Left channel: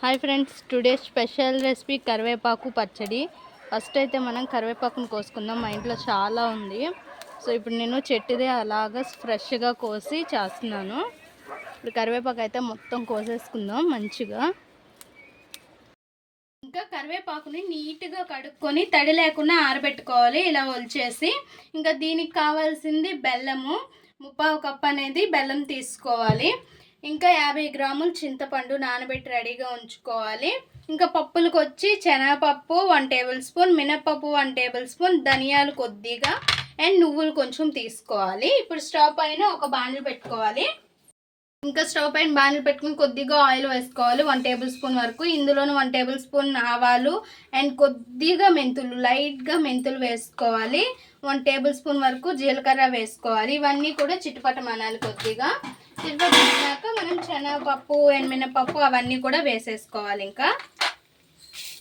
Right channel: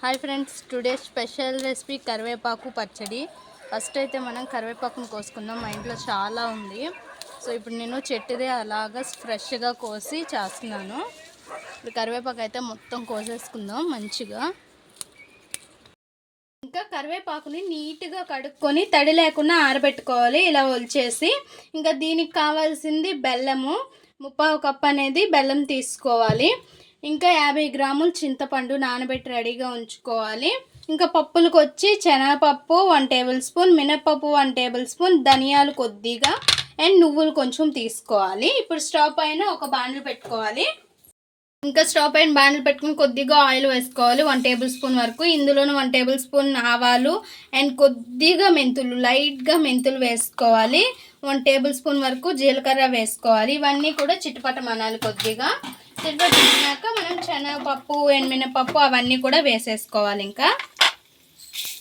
Hi friends today special recipe కరివేపాకు పచ్చడి. First అయితే మనం కరివేపాకును కోసుకుందాం. మా ఇంట్లో చాలా ఉంది. సో ఇప్పుడు నేను చెట్టుదే అలాగా ఫ్రెష్గా కోసి చేస్తున్నాను. ఇప్పుడు కరివేపాకు అయితే మొత్తం కోసేసుకుందాం మంచిగా. ఇంకా కరివేపాకుని నీట్గా కడుక్కొని తడి లేకుండా ఆరబెట్టుకోవాలి. ఇలా ఒలిచేసి ఇంకా దీనికి కావాల్సింది బెల్లము. ముప్పావు కప్పు అనేది బెల్లం తీసుకోవాలి. ఇంకా యాభై గ్రాములు చింతపండు నానబెట్టి రెడీగా ఉంచుకోవాలి. ఇంకా పప్పులకు వచ్చి శనగపప్పు వన్ టేబుల్ స్పూన్ మినప్పప్పు వన్ టేబుల్ స్పూన్ ధనియాలు కొద్దిగా అండ్ నువ్వులు కొంచెం తీసుకోవాలి. ఇప్పుడు స్టవ్ పైన ఒక బాండ్లు పెట్టుకోవాలి. ఇంకా స్టవ్ పైన బ్యానర్ పెట్టుకుని కొద్దిగా ఆయిల్ వేసుకోవాలి. వన్ టేబుల్ స్పూన్ వరకు. ఇందులోనే వన్ టేబుల్ స్పూన్ ఆవాలు అండ్ కొద్దిగా మెంతులు లైట్గా మెంతులు వేసుకోవాలి. వన్ టేబుల్ స్పూన్ వరకు జీలకర్ర వేసుకోవాలి. ఇవన్నీ కూడా చిట్టుపట్టమనాలి కొద్దిగా. చిట్టుపట్టమన్నాక మనం శనగపప్పు అండ్ మినపప్పు అవన్నీ కూడా వేసేసుకోవాలి ఇంకా.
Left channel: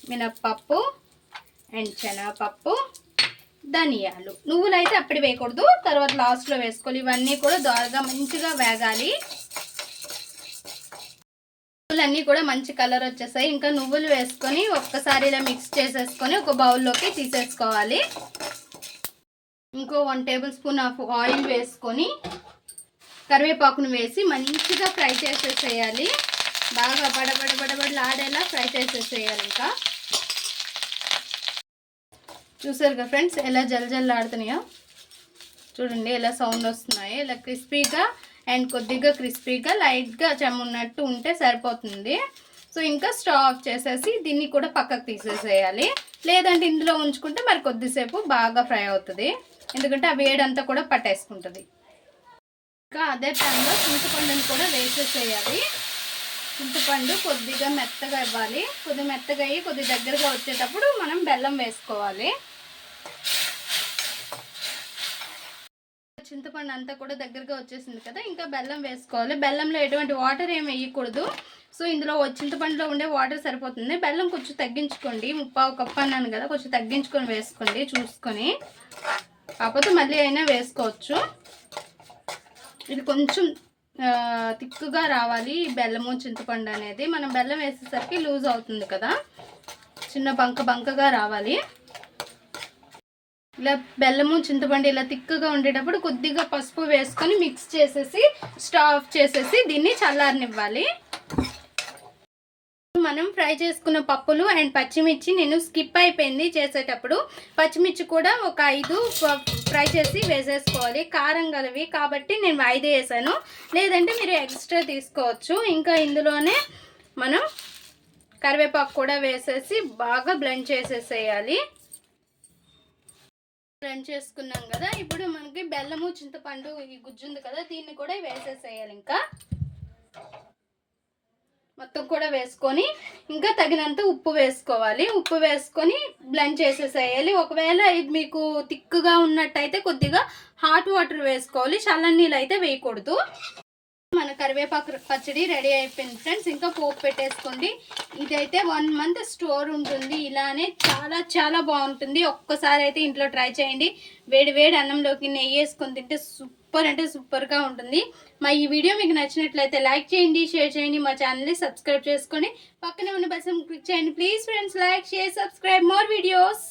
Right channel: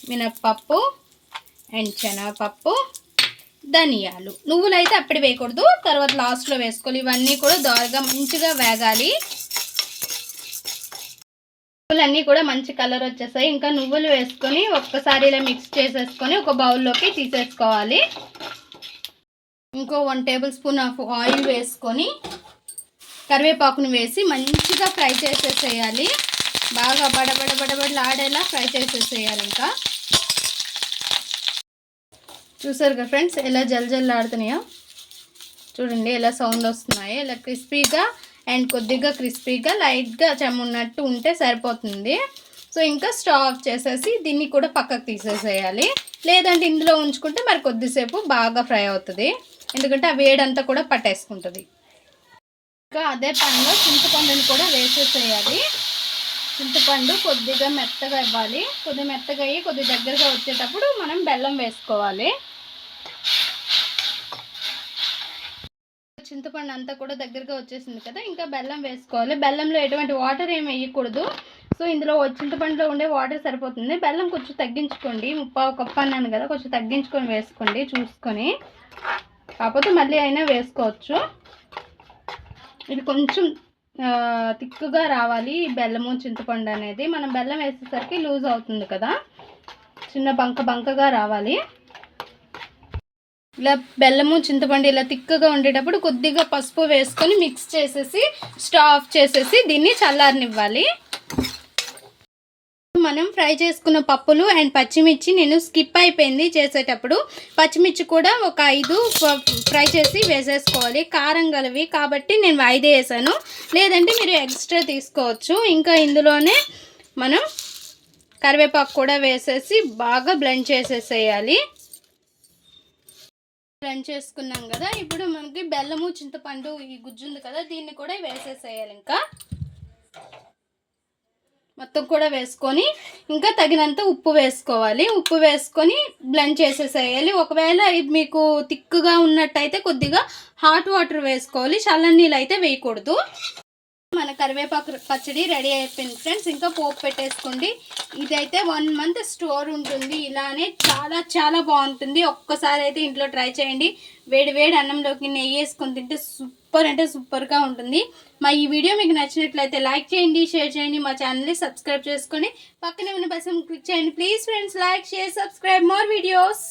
మినప్పప్పు అండ్ శనగపప్పు ధనియాలు. నువ్వులు అయితే అప్పుడు వేయకూడదు. తర్వాత లాస్ట్లో వేసుకోవాలి. ఇవన్నీ కూడా దోరగా మంచిగా వేగాలి. నువ్వులన్నీ కూడా మంచి కలర్ వచ్చేసాయి ఇంకా నువ్వులు వేసుకొని ఒక్కసారి ఇలా మిక్స్ చేసేసుకొని ఒక బౌల్లోకి తీసేసుకోవాలి. ఇంకో one tablespoon of oil వేసుకొని కరివేపాకును వేసి మంచిగా ఫ్రై చేసేసేయాలి. బాగా బడబడ బడబడలాడేలా ఫ్రై చేసేసేయాలి ఇంకా చూసారు కదా ఫ్రెండ్స్ ఎలా జల్ జల్ ఆడుతున్నాయో చూడండి ఎలా సౌండ్ వస్తున్నాయి ఇలా క్రిస్పీగా అండ్ కొద్దిగా క్రిస్పీగా లైట్గా చెమ్మున్నట్టు ఉంటే సరిపోతుంది. సో ఇంకా స్టవ్ ఆఫ్ చేసేసి దీన్ని కూడా పక్కకు తీసేసేయాలి. లేదంటే ఇందులో ఉంచుకుంటే మరి కొద్దిసేపు బాగా ఫ్రై అవుతుంది. ఎందుకంటే ఆ వేడంతా కూడా పట్టేసుకుంటుంది. ఇంకా అదే పనిలో చింతపండుని కూడా వేసేసేయాలి. చింతపండు కొద్దిగా మెత్తగా ఇవ్వాలి. కొద్దిగా మెత్తగా అయ్యి కొద్ది దగ్గరగా వచ్చేటప్పుడు మనం బెల్లం వేసుకోవాలి. చింతపండు అంతా కూడా దగ్గరగా వచ్చేసింది కదా ఇంకా బెల్లం వేసుకోవాలి. బెల్లంలో ఎటువంటి వాటర్ ఏమి వేయకూడదు. సో ఇందులో చింతపండులో ఉండే వాటర్ సరిపోతుంది. బెల్లం కొంచెం తగ్గించుకోండి. ముప్పావు కప్పు అన్నాను కదా కొంచెం తగ్గించుకొని వేసుకోండి చూసుకొని. కాకపోతే మళ్ళీ అయినా వేసుకోవచ్చు. ఇది కొంచెం తిక్కుగా రావాలి బెల్లము చింతపండు అనేది. మనం బెల్లం వేసేసరికి లూజ్ అవుతుంది కదా. చిన్న బంక బంకగా రావాలి. ఇలా బెల్లము చింతపండు ఇలా తిక్కగా ఉండేటప్పుడు కొద్దిగా పసుపు వేసుకొని మిక్స్ చేసేసి స్టవ్ ఆఫ్ చేసేసి దీన్ని చల్లారనివ్వాలి. మనం ఫ్రై చేసుకున్న పప్పులు అండ్ పచ్చిమిర్చి నేను స్కిప్ అయిపోయింది చేసేటప్పుడు. పచ్చిమిర్చి కూడా ఒక ఐదు ఫ్రై చేసి వేసేసుకోవాలి. కారం గలవి కాబట్టి నేను ఐదు వేసాను. లేదంటే మీరు ఎక్స్ట్రా తీసుకోవచ్చు. ఇంకా ఇందులోనే మనం కరివేపాకు కూడా వేసేసి బాగా బ్లెండ్ చేసేసేయాలి. బ్లెండ్ చేసుకున్నాం కదా ఇప్పుడు మనకి బెల్లము చింతపండు ఈ గుజ్జు ఉంది కదా దీన్ని కూడా వేసేసేయాలి ఇంకా. మొత్తం కూడా వేసుకొని ఇంకా తగినంత ఉప్పు వేసుకోవాలి. ఉప్పు వేసుకొని బ్లెండ్ చేసేసేయాలి. ఒకవేళ మీకు తిక్కుగా ఉన్నట్టయితే కొద్దిగా హాట్ వాటర్ వేసుకోవాలి. చల్లని నీళ్ళు అయితే వేయకూడదు. మన కరివేపాకు పచ్చడి రెడీ అయిపోయింది ఫ్రెండ్స్. ఇంకా పోపు పెట్టేసుకోండి. ఇదైతే వన్ మంత్ స్టోర్ ఉంటుంది. ఇలానే చాలా చాలా బాగుంటుంది. ఒక్కసారి అయితే ఇంట్లో ట్రై చేయండి. వేడి వేడి అన్నంలోకి నెయ్యి వేసుకొని తింటే సూపర్ అంటే సూపర్గా ఉంటుంది. మా ఈ వీడియో మీకు నచ్చినట్లయితే లైక్ చేయండి షేర్ చేయండి మా ఛానల్ని సబ్స్క్రైబ్ చేసుకొని పక్కనే ఉన్న బస్సు క్లిక్ చేయండి. Please friends like share subscribe. More videos.